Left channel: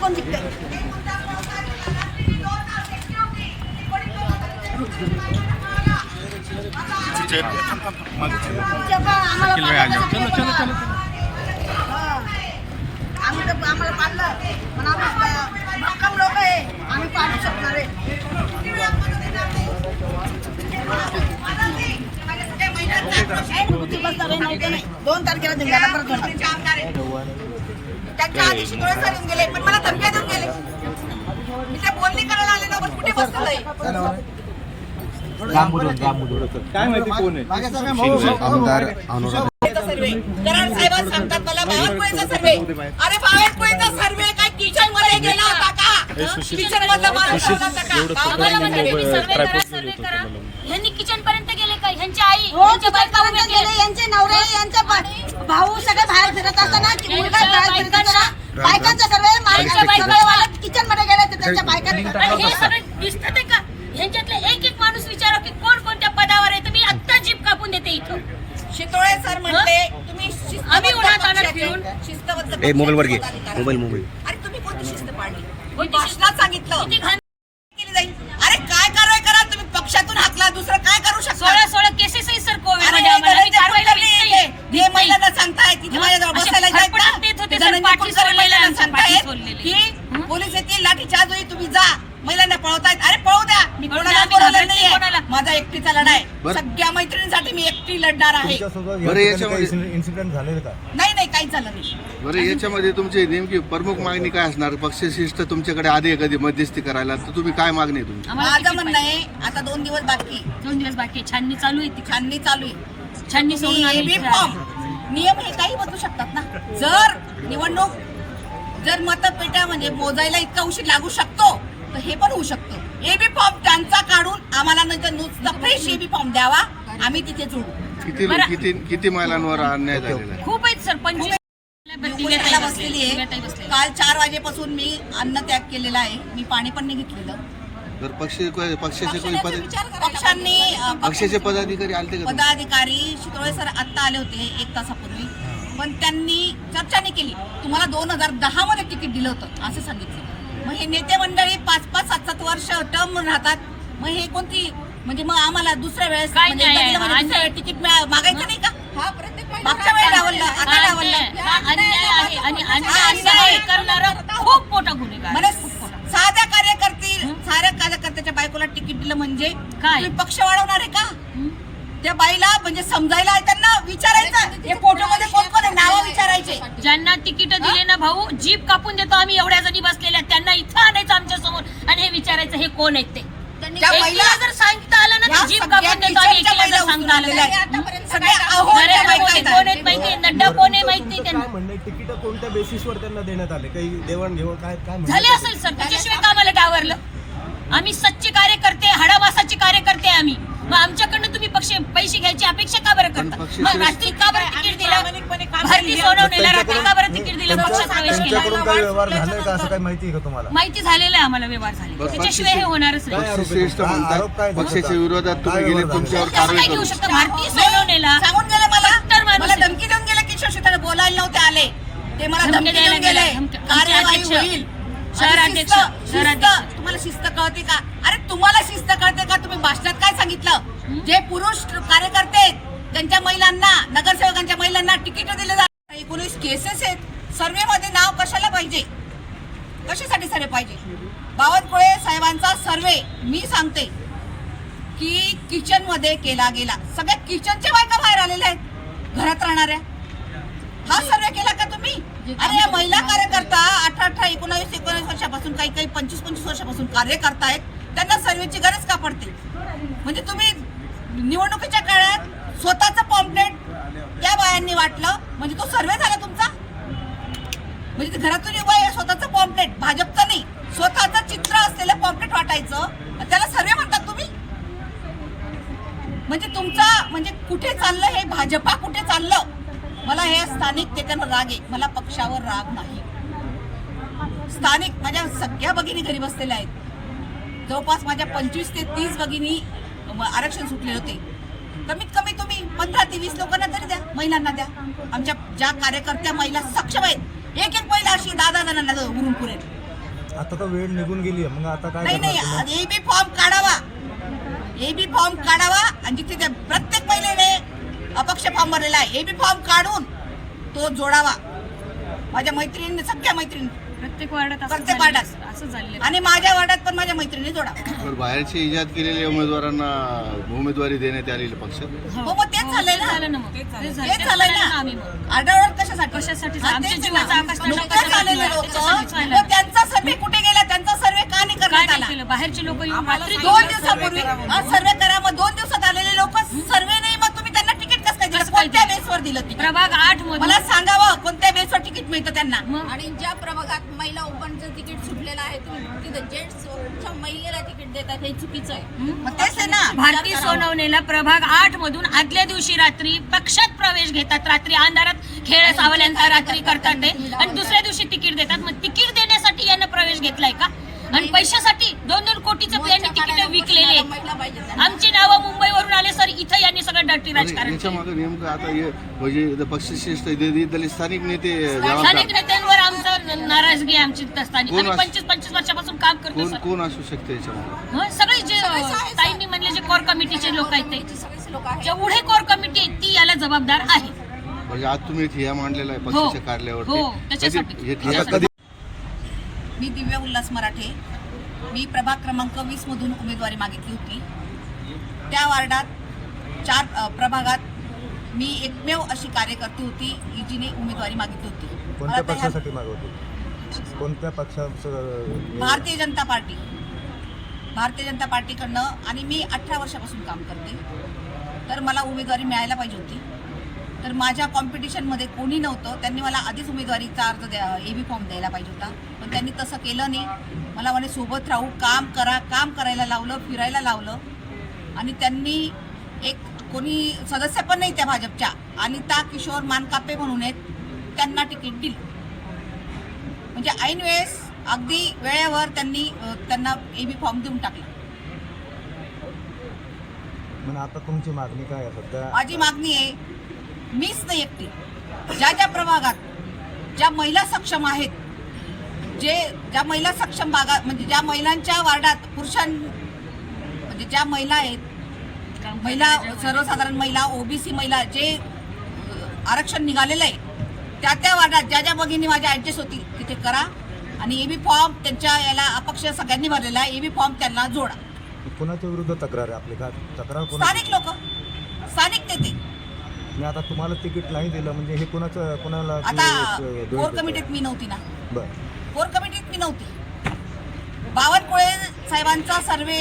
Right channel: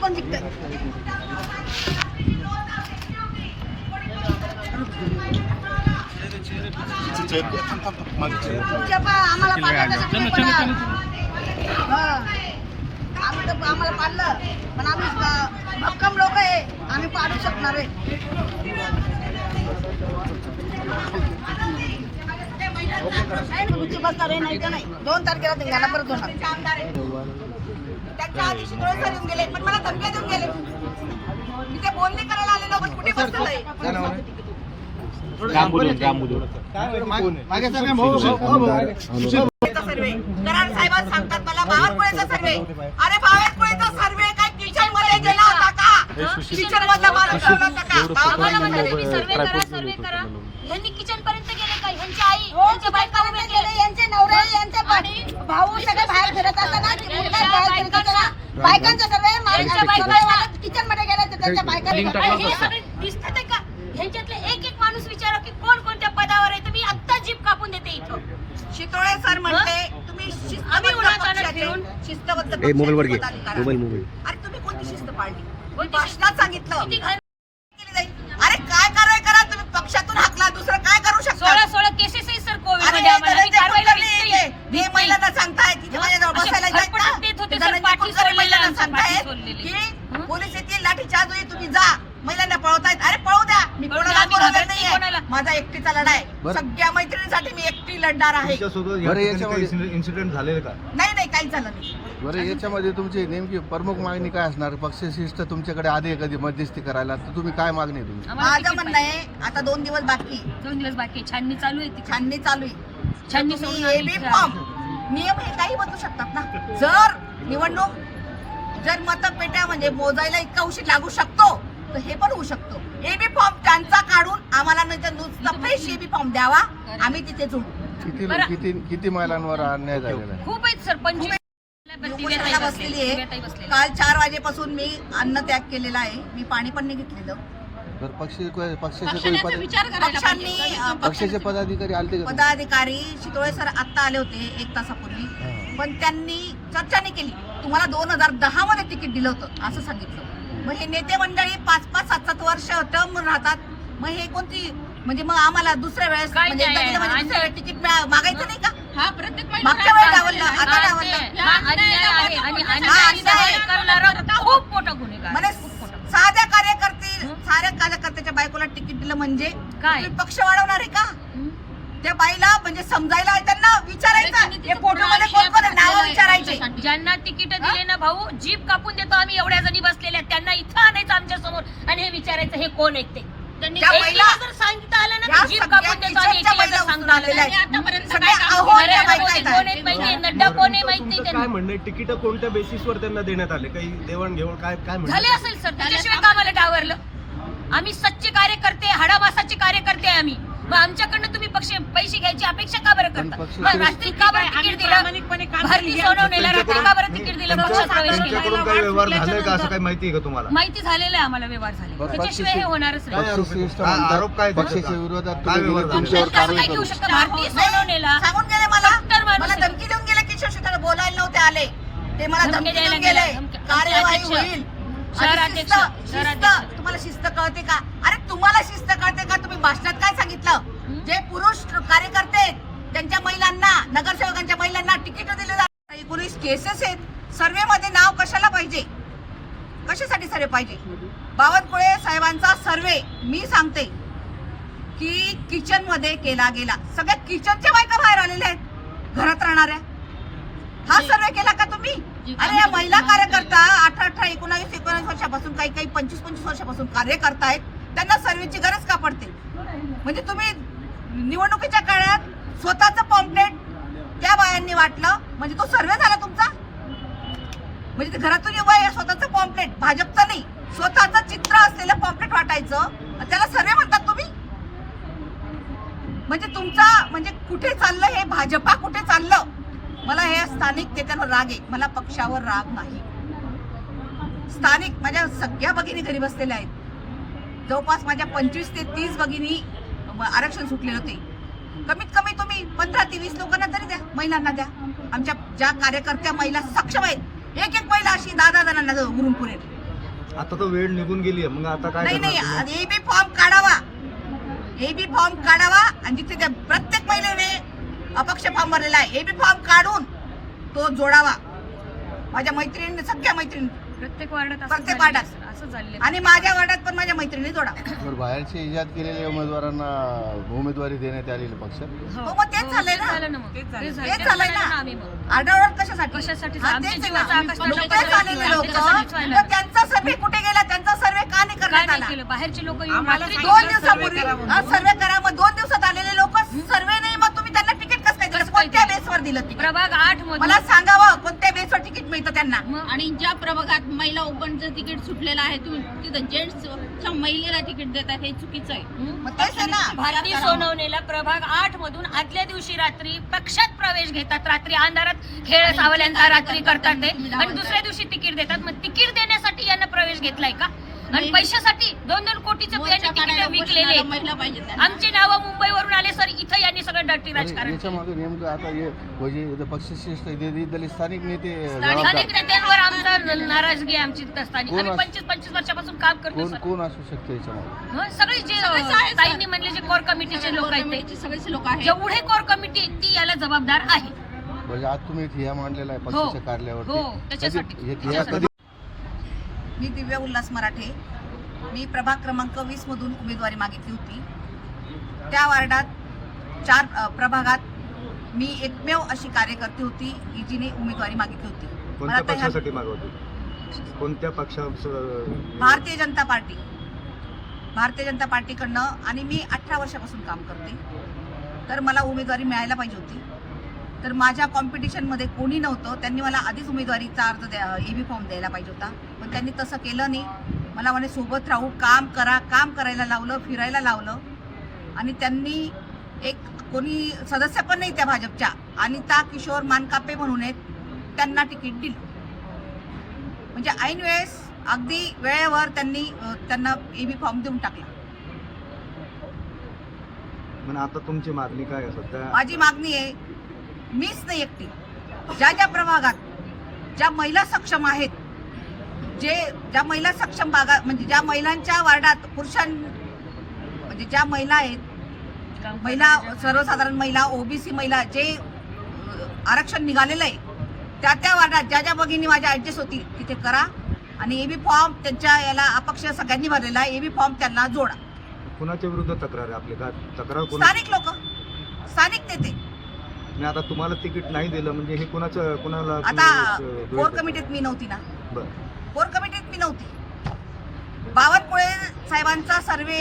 कोण जिंकतं? आम्हाला पाडलं पण आम्ही भक्कम लोक आहे, आम्ही पाडू शकणार आहे. नाही 2 तारखेला धिंगाणा करत होणार. त्यांच्या आधी शिंदे सर येऊन गेले पण मला धमक्या देऊन गेले. मी ते बोलणी करायला आले ना पण कुठे बसलोय. सर्वे कराड साहेबांना सांगतात मला बावनकुळेचा सर्वे. अरे बावनकुळेचा सर्वे काय किचन मध्ये गेला होता का? किचन मधला माणूस होता का? सर्वे करा. ह्यांनी किचन पर्यंत गेले काय? ह्यांची आई, ह्यांच्या बायकापर्यंत गेले, यांचे नवरे, यांचे भाऊ सगळे बाहेर फिरत असताना मुलगा बाहेर फिरत असताना बायकांचा सर्वे किचन मध्ये गेले तर त्यांच्या बायकांना हे सगळे दिसतात का? ह्यांच्यातले एक एक माणूस विचारा की कोण कोणत्या पदावर आहे. तुम्ही आत्ता जीप कापून देते इथं. शितोळे सर म्हटले तुम्ही आम्ही उन्हात आणत फिरून शिस्तबद्ध मोबाईल अरे तुम्ही कोणती शिस्त पाळली? भाषणात सांगितलं किती घाण केली जाईल. अरे काय कारवाई करा तुम्ही? पक्षातून हाकला, दुसरं काय करू शकता? 16 केसेस आहे सर कोविड अरे मध्ये. आम्हाला धनंजय कारवाई कुलकर्णी केली हे नाही. महिलांना सांगतायत तिथे माझ्याजवळ बसायला जायचं देत होते सर, धनंजय पाठी कुलकर्णी महिलांना सोडलेल्या, सांगतायत पाठी सोडलेली. की पोलीस येतील लाठीचार्ज होईल, तुम्ही जा. महिलांना पळवतायत. अरे पळू द्या, मी पळू कोणाला द्या, आम्ही बोलवलं घाबरत नाही नाहीये. कोणाला. माझा एकटीचा लढा आहे. सगळ्या मैत्रिणींसाठी मी एकटी लढणार आहे. इन्सिडेंट झालेले का? नाही काहीच झालं नाही. बरं, याच्यामध्ये तुमची नेमकी प्रमुख मागणी काय असणार? पक्षशिस्त तुमच्याकडे आधी कधी मध्यस्थी करायला, तर तुम्ही काय मागणी आहे तुमची? आम्हाला माझं तिकीट म्हणणं आहे आता 2 दिवस बाकी, 2 दिवस बाकी. छाननी चालू आहे ती. छाननी चालू आहे. छाननी तुम्ही सोडून आम्ही AB इथे फॉर्म नियम हे काही बदलू शकतात ना. जर निवडणूक जर मतपेट्या म्हणजे मोजायला इतका उशीर लागू शकतो तर हे पण होऊ शकतो. AB फॉर्म त्यांचा काढून आम्हाला नंतर नुसता फ्रेश AB फॉर्म द्यावा, आम्ही तिथे जोडू. किती महिलांवर अन्याय झालेला आहे? खूप आहेत सर. 25 उपोषणाला बसलेली आहे. काल 4 वाजेपासून मी अन्न त्याग केलेला आहे. मी पाणी पण नाही घेतलेलं. तर पक्षाचे पक्षांनी पदाधिकारी आले का? पदाधिकारी शितोळे सर आत्ता आले होते 1 तासापूर्वी, पण त्यांनी चर्चा नाही केली. तुम्हाला 2010 मध्ये तिकीट दिलं होतं असं सांगितलं. मग हे नेते मंडळी 5-5, 7-7 वर्ष टर्म राहतात. मग हे कोणती म्हणजे मग आम्हाला दुसऱ्या वेळेस म्हणजे एकदा दिलं म्हणजे दुसऱ्या वेळेस तिकीट मागायचं नाही का? मागच्या वेळेस डावललं, आता डावललं. खूप मोठा गुन्हेगार. म्हणजे साध्या कार्यकर्त्याच्या बायकोला तिकीट दिलं म्हणजे काय? तुम्ही पक्ष वाढवणार आहे का? त्या बाईला म्हणजे समजायला त्यांना विचारायचं हे फोटो मध्ये कोण कोण आहे, नावं विचारायचे. ज्यांना तिकीट दिले ना भाऊ, जीप कापून देतो आम्ही. एवढ्या जणी बसलेल्या त्यांना इथं आणायचं आमच्या समोर आणि हे विचारायचं हे कोण आहेत ते. त्या महिला जर सांगितलं आलं ना या तर जीप सगळ्या कापून देतो आणि किचनच्या महिला एकीला उचलून सांगून आलेल्या आलेलं आहे. आहेत. सगळ्या अहोच्या बायका कोण आहेत. आहेत माहिती, नड्डा कोण आहे माहित नाही त्यांना. काय म्हणणं तिकीट कोणत्या बेसिसवर त्यांना देण्यात आले? काही देवाणघेवाण काय काय झाले असेल सर, त्याच्याशिवाय का आम्हाला डावरलं? आम्ही सच्चे कार्यकर्ते, हाडामासाचे कार्यकर्ते आम्ही. मग आमच्याकडनं तुम्ही पैसे घ्यायची अपेक्षा का बरं करता? मग रात्री का बरं तिकीट दिलं? भरती सोडवण्याला रात्री का बरं तिकीट दिलं? पक्षात प्रवेश केला. तुमच्याकडून काही व्यवहार झाले का असं काही माहिती आहे का तुम्हाला? माहिती झालेलं आहे आम्हाला, व्यवहार झाले. त्याच्याशिवाय हे होणारच नाही. पक्षश्रेष्ठ आरोप म्हणतात काय? पक्षाच्या विरोधात तुम्ही काय गेले, विरोध तुमच्यावर कसं काय कारवाई घेऊ करू. शकतो? भारतीय सोडवण्याला सांगून गेले मला माणूस मला आहे. धमकी देऊन गेले की शिवसेना बोलायला नव्हते आले ते मला धमकी धमकी द्यायला देऊन गेले. गेले. धमकी- कार्यवाही अध्यक्ष, होईल. शहराध्यक्ष, आणि शिस्त, शहराध्यक्ष. तुम्हाला शिस्त कळते का? अरे तुम्हाला शिस्त कळते का? तुम्ही भाषणात काय सांगितलं? जे पुरुष कार्यकर्ते आहेत त्यांच्या महिलांना, नगरसेवकांच्या महिलांना तिकीट दिले जातात. 19 केसेस आहेत. सर्वे मध्ये नाव कशाला पाहिजे? कशासाठी सर्वे पाहिजे? बावनकुळे साहेबांचा सर्वे मी सांगते की किचन मध्ये केला गेला. सगळ्या किचनच्या बायका बाहेर आलेल्या आहेत घरात राहणाऱ्या. हा सर्वे केला का तुम्ही? अरे या महिला कार्यकर्ता 18, 19 वर्षापासून काही 25 वर्षापासून कार्य करतायत. त्यांना सर्वेची गरज का पडते? म्हणजे तुम्ही निवडणुकीच्या काळात स्वतःचं पॉम्पलेट त्या बायांनी वाटलं म्हणजे तो सर्वे झाला तुमचा? म्हणजे घरातून उभा आहे स्वतःचं पॉम्पलेट, भाजपचं नाही, स्वतःचं चित्र असलेलं पॉम्पलेट वाटायचं, त्याला सर्वे म्हणतात तुम्ही? म्हणजे तुमचा म्हणजे कुठे चाललं हे? भाजपा कुठे चाललं? मला हे स्थानिक नेत्यांवर राग आहे, मला पक्षावर राग नाही. स्थानिक माझ्या सगळ्या भगिनी घरी बसलेल्या आहेत. जवळपास माझ्या 25 ते 30 भगिनी आरक्षण सुटले होते. कमीत कमी तुम्ही 15 ते 20 लोकांना तरी द्या, महिलांना द्या. आमच्या ज्या कार्यकर्त्या महिला सक्षम आहेत, एक महिला अशी 10 जणांना उरून पुरेल. आता तर वेळ निघून गेली आहे, मग आता काय नाही करणार नाही तुम्ही? एबी फॉर्म काढावा, एबी फॉर्म काढावा आणि जिथे त्या प्रत्येक महिलेने अपक्ष फॉर्म भरलेला आहे एबी फॉर्म काढून तो जोडावा. माझ्या मैत्रिणी, सगळ्या मैत्रिणी प्रत्येक वार्डात प्रत्येक वार्डात असं झालेलं आणि माझ्या वार्डात पण माझ्या मैत्रिणी जोडावा. बरं, बाहेरचे इजाद केलेल्या उमेदवारांना उमेदवारी देण्यात आलेले पक्ष हो मग तेच झालंय ना, झालं ना मग तेच तेच झालंय ना. आम्ही मग आढळण कशासाठी? कशासाठी? हा, आमच्या तेच जीवाचा ना. आकाश तळाला नुकतेच करायला आलेले लागला. लोक, त्याच्यासाठीच व्हायला मग त्यांचा सर्वे कुठे गेला? त्यांचा सर्वे का नाही काय करण्यात नाही आला? केलं? बाहेरचे लोक 2 दिवसापूर्वी सर्वे करा, मग 2 दिवसात आलेले लोक सर्वे नाही, मग तुम्ही त्यांना तिकीट कसं काय दिलं? कसं काय कोणत्या दिलं? बेसवर दिलं तिकीट? प्रभाग 8 मधून मला सांगावं कोणत्या बेसवर तिकीट मिळतं त्यांना? आणि ज्या प्रभागात महिला ओपनचं तिकीट सुटलेलं आहे तुम्ही तिथं जेंट्सच्या महिलेला तिकीट देतात हे चुकीचं आहे. मग तेच आहे ना. भारती सोनवणेला प्रभाग 8 मधून आदल्या दिवशी रात्री पक्षात प्रवेश घेतात, रात्री अंधारात खेळ सावल्यांचा रात्री करतात ते आणि दुसऱ्या दिवशी तिकीट देतात. मग तिकीट देण्यासाठी यांना प्रवेश घेतलाय का? आणि पैशासाठी 2-2 कोटीचे यांनी तिकीट विकलेले आहेत. महिला पाहिजे आमची नावं मुंबईवरून आले सर, इथं यांनी सगळं डर्टी राजकारण याच्या केलं. मागे नेमकं आता हे म्हणजे इथं पक्षश्रेष्ठ दलित स्थानिक नेते जबाबदार. स्थानिक नेत्यांवर आमचं नाराजगी आहे आमची स्थानिक. कोण आम्ही असं- 25-25 वर्षापासून काम करतो कोण सर. कोण असू शकते याच्या मागे? हं, सगळे जे ताईंनी म्हणले जे कोर कमिटीचे लोक आहेत ते सगळेच लोक आहेत. जेवढे कोर कमिटी आहेत, ती याला जबाबदार आहे. म्हणजे आज तुम्ही ठिया मांडलेला आहे हो. पक्षाच्या हो, कार्यालयावरती त्याच्यासाठी. कधी- हे ठिया कधी मी दिव्या उल्हास मराठे, मी प्रभाग क्रमांक 20 मधून उमेदवारी मागितली होती. त्या वार्डात 4 प्रभागात मी एकमेव अशी कार्यकर्ती होती की जिने उमेदवारी मागितली होती. मला कोणत्या तर ह्या- पक्षासाठी मागवते? कोणत्या पक्षाचं? भारतीय जनता पार्टी, भारतीय जनता पार्टीकडनं, आणि मी 18 वर्षापासून काम करते. तर मला उमेदवारी मिळायला पाहिजे होती. तर माझ्या कॉम्पिटिशनमध्ये कोणी नव्हतं. त्यांनी मला आधीच उमेदवारीचा अर्ज एबी फॉर्म द्यायला पाहिजे होता, पण त्यांनी तसं केलं नाही. मला म्हणे सोबत राहू, काम करा, काम करायला लावलं, फिरायला लावलं. आणि त्यांनी एक कोणी सदस्य पण नाही त्या भाजपच्या, अनिता किशोर मानकापे म्हणून आहेत, त्यांना तिकीट दिलं. म्हणजे ऐन वेळेस अगदी वेळेवर त्यांनी त्यांना एबी फॉर्म देऊन टाकला. म्हणून आता तुमची मागणी काय आहे सध्या? माझी मागणी आहे, मीच नाही एकटी, ज्या ज्या प्रभागात ज्या महिला सक्षम आहेत, ज्या महिला सक्षम भागात, म्हणजे ज्या महिलांच्या वार्डात म्हणजे ज्या महिला आहेत, महिला सर्वसाधारण महिला, ओबीसी महिला, जे आरक्षण निघालेलं आहे, त्या वार्डात ज्या ज्या भगिनी माझ्या ऍडजस्ट होतील तिथे करा. आणि एबी फॉर्म त्यांच्या याला अपक्ष सगळ्यांनी भरलेला आहे, एबी फॉर्म त्यांना जोडा. कुणाच्या विरुद्ध तक्रार आहे आपली? काय तक्रार कोण? स्थानिक लोक, स्थानिक नेते. आणि आता तुम्हाला तिकीट नाही दिलं म्हणजे हे कुणाला आता तुम्ही, कोर कमिटीत मी नव्हती ना, बरं. कोर कमिटीत मी नव्हती. बावनकुळे साहेबांचा सर्वे